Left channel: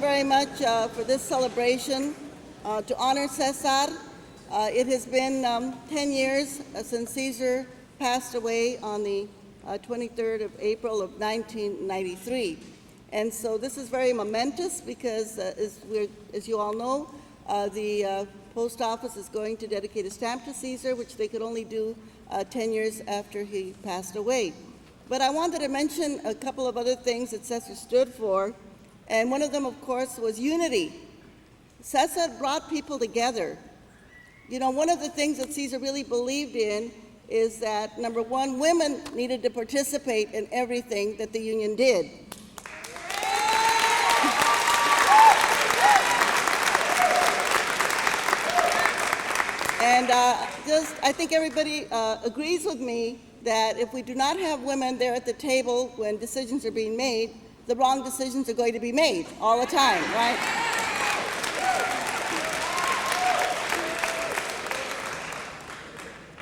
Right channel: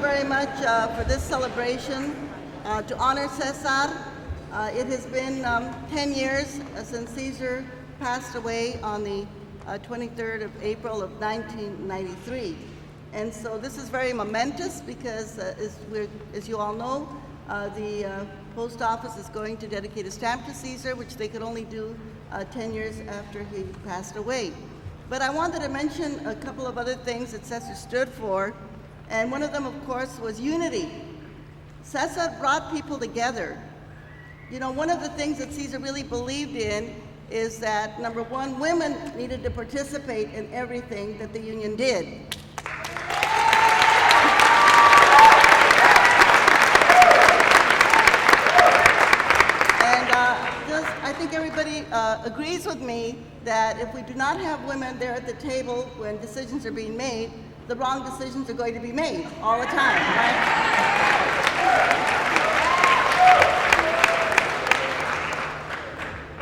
very much for this celebration to honor Cesar. It has been 10 years since Cesar passed away on the 23rd of April of 1993. And so this is very momentous because, as you all know, the post office is going to dedicate a stamp to Cesar, which they could only do 10 years after he passed away. But I wanted to mention a couple of other things that Cesar stood for, and one of them, of course, was unity. Cesar brought people together. You know, one of the things that Cesar really believed in is that, number one, women needed to participate in everything that the union did. I think everybody agrees with me that if we do not have women there at the table when decisions are being made, the wrong decisions are going to be made all the time, right?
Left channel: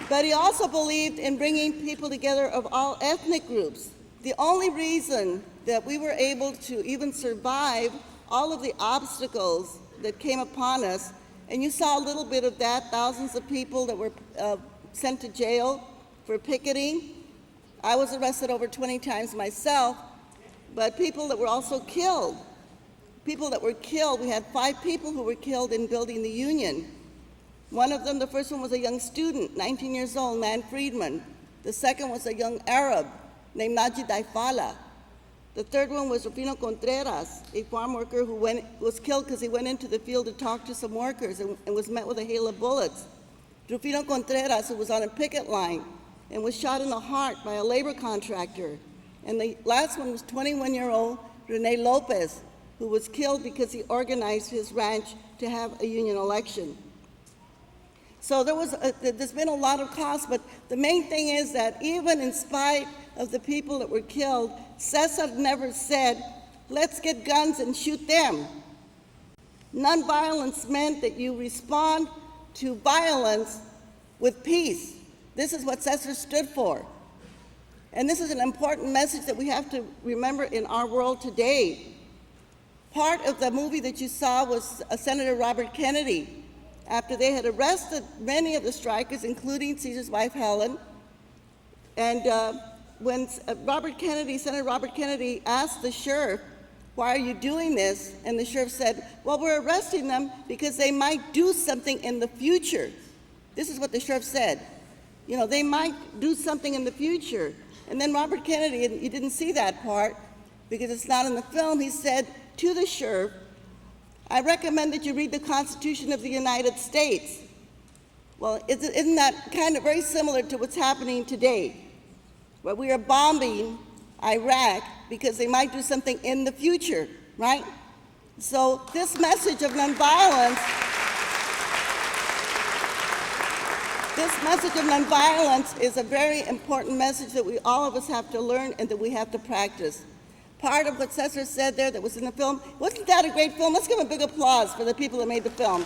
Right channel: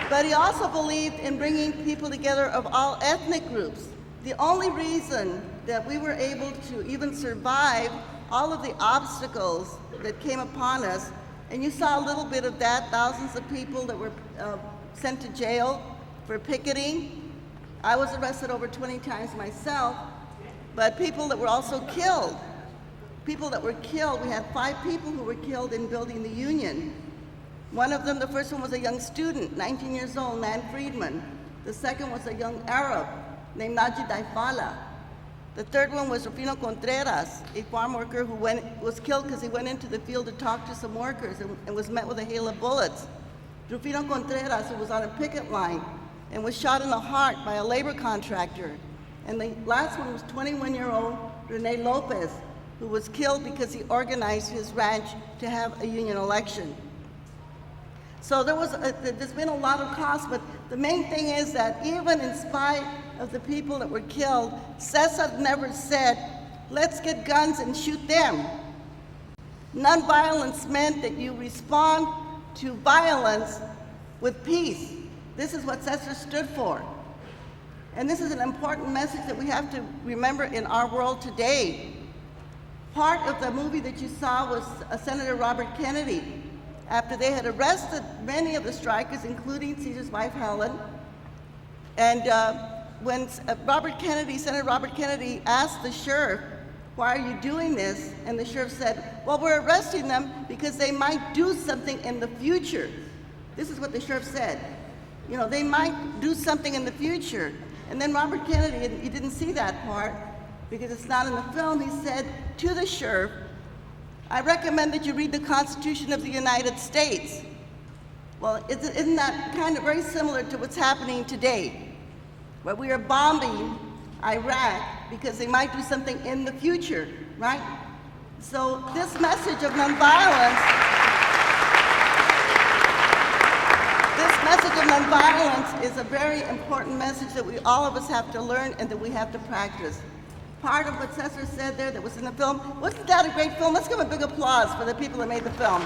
But he also believed in bringing people together of all ethnic groups. The only reason that we were able to even survive all of the obstacles that came upon us, and you saw a little bit of that, thousands of people that were sent to jail for picketing. I was arrested over 20 times myself, but people that were also killed. People that were killed, we had 5 people who were killed in building the union. One of them, the first one was a young student, 19 years old, Nan Friedman. The second was a young Arab named Najib Daifala. The third one was Rufino Contreras, a farm worker who was killed because he went into the field to talk to some workers and was met with a hail of bullets. Rufino Contreras, who was on a picket line and was shot in the heart by a labor contractor. And the last one was 21-year-old Rene Lopez, who was killed because he organized his ranch to have a union election. So there's been a lot of cost, but the main thing is that even in spite of the people that were killed, Cesar never said, let's get guns and shoot them. Nonviolence meant that you respond to violence with peace. This is what Cesar stood for. And this is an important message that we have to remember in our world today. Part of the movie that you saw was Senator Robert Kennedy. After they had arrested many of the strikers, including Cesar's wife, Helen, and when Senator Robert Kennedy asked the sheriff, why are you doing this? And the sheriff said, well, we're arresting them because they might do something in the future. This is what the sheriff said. You know, they might do something in the future. And then Robert Kennedy, and you didn't see that part because it's not in the film, he said to the sheriff, I recommend that you read the Constitution of the United States. Well, isn't that kind of very similar to what's happening today, where we are bombing Iraq because they might do something in the future, right? So this message of nonviolence, is a very important message that all of us have to learn and that we have to practice. Part of what Cesar said there that was in the film, wasn't that a great film? Let's give a big applause for the people that made the film.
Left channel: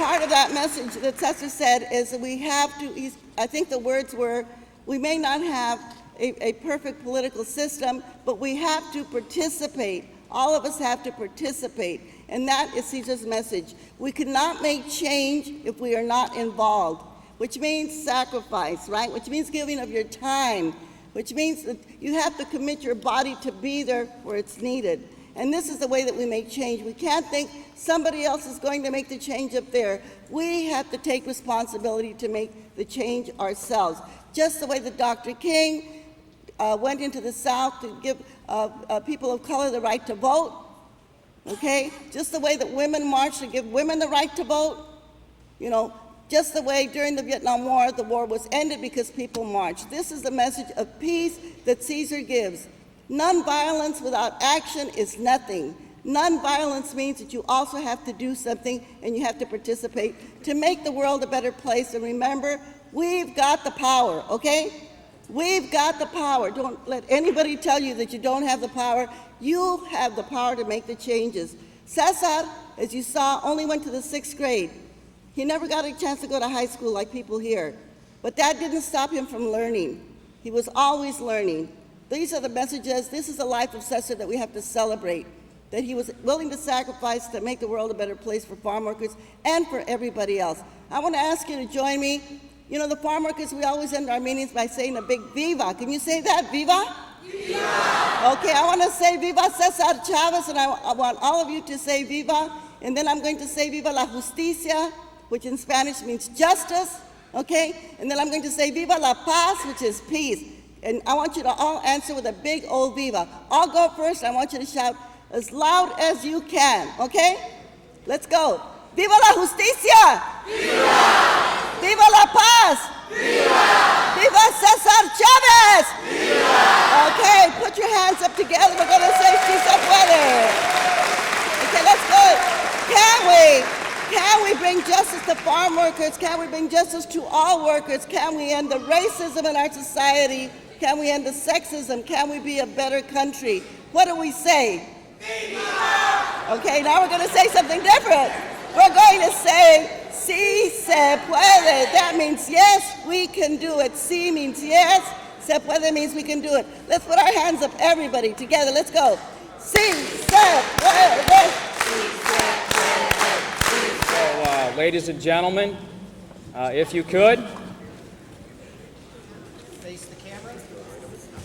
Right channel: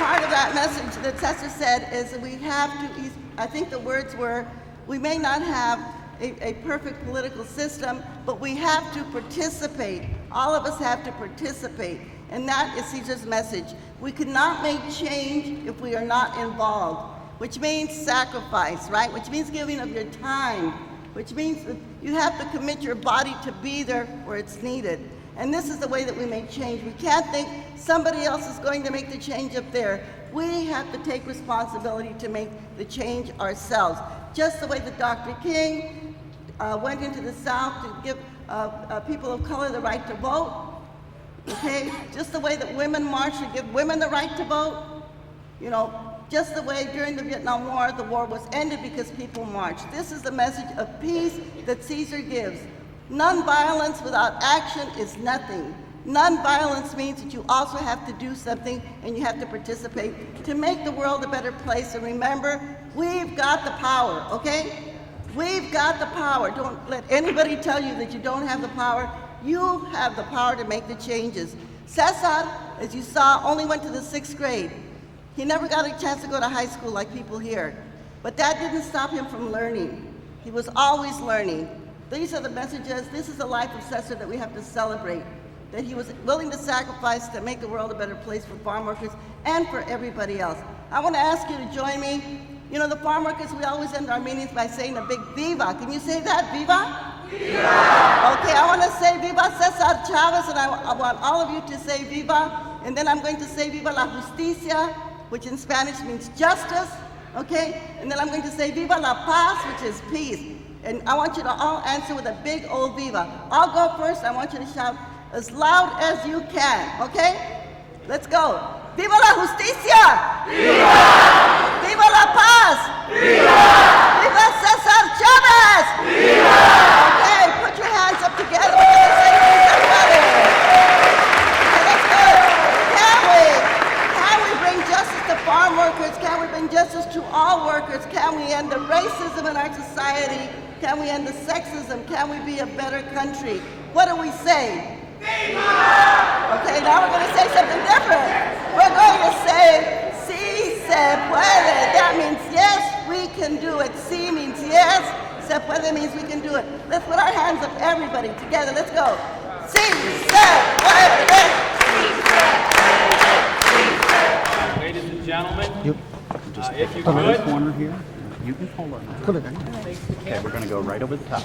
Part of that message that Cesar said is that we have to, I think the words were, we may not have a perfect political system, but we have to participate. All of us have to participate. And that is Cesar's message. We cannot make change if we are not involved, which means sacrifice, right? Which means giving of your time, which means that you have to commit your body to be there where it's needed. And this is the way that we make change. We can't think somebody else is going to make the change up there. We have to take responsibility to make the change ourselves. Just the way that Dr. King went into the South to give people of color the right to vote, okay? Just the way that women marched to give women the right to vote, you know, just the way during the Vietnam War, the war was ended because people marched. This is the message of peace that Cesar gives. Nonviolence without action is nothing. Nonviolence means that you also have to do something and you have to participate to make the world a better place. And remember, we've got the power, okay? We've got the power. Don't let anybody tell you that you don't have the power. You have the power to make the changes. Cesar, as you saw, only went to the 6th grade. He never got a chance to go to high school like people here. But that didn't stop him from learning. He was always learning. These are the messages. This is the life of Cesar that we have to celebrate, that he was willing to sacrifice to make the world a better place for farm workers and for everybody else. I want to ask you to join me. You know, the farm workers, we always end our meetings by saying a big viva. Can you say that, viva? Viva! Okay, I want to say viva Cesar Chavez, and I want all of you to say viva, and then I'm going to say viva la justicia, which in Spanish means justice, okay? And then I'm going to say viva la paz, which is peace. And I want you to all answer with a big old viva. I'll go first. I want you to shout as loud as you can, okay? Let's go. Viva la justicia! Viva! Viva la paz! Viva! Viva Cesar Chavez! Viva! Okay, put your hands up together. We're going to say peace and weather. Okay, that's good. Can we bring justice to farm workers? Can we bring justice to all workers? Can we end the racism in our society? Can we end the sexism? Can we be a better country? What do we say? Okay, now we're going to say something different. We're going to say, sí se puede. That means yes, we can do it. Sí means yes. Se puede means we can do it. Let's put our hands up, everybody, together. Let's go. Sí se puede. Ladies and gentlemen, if you could. Corner here. You can pull it. Put it in. Okay, we're going to go right over the top.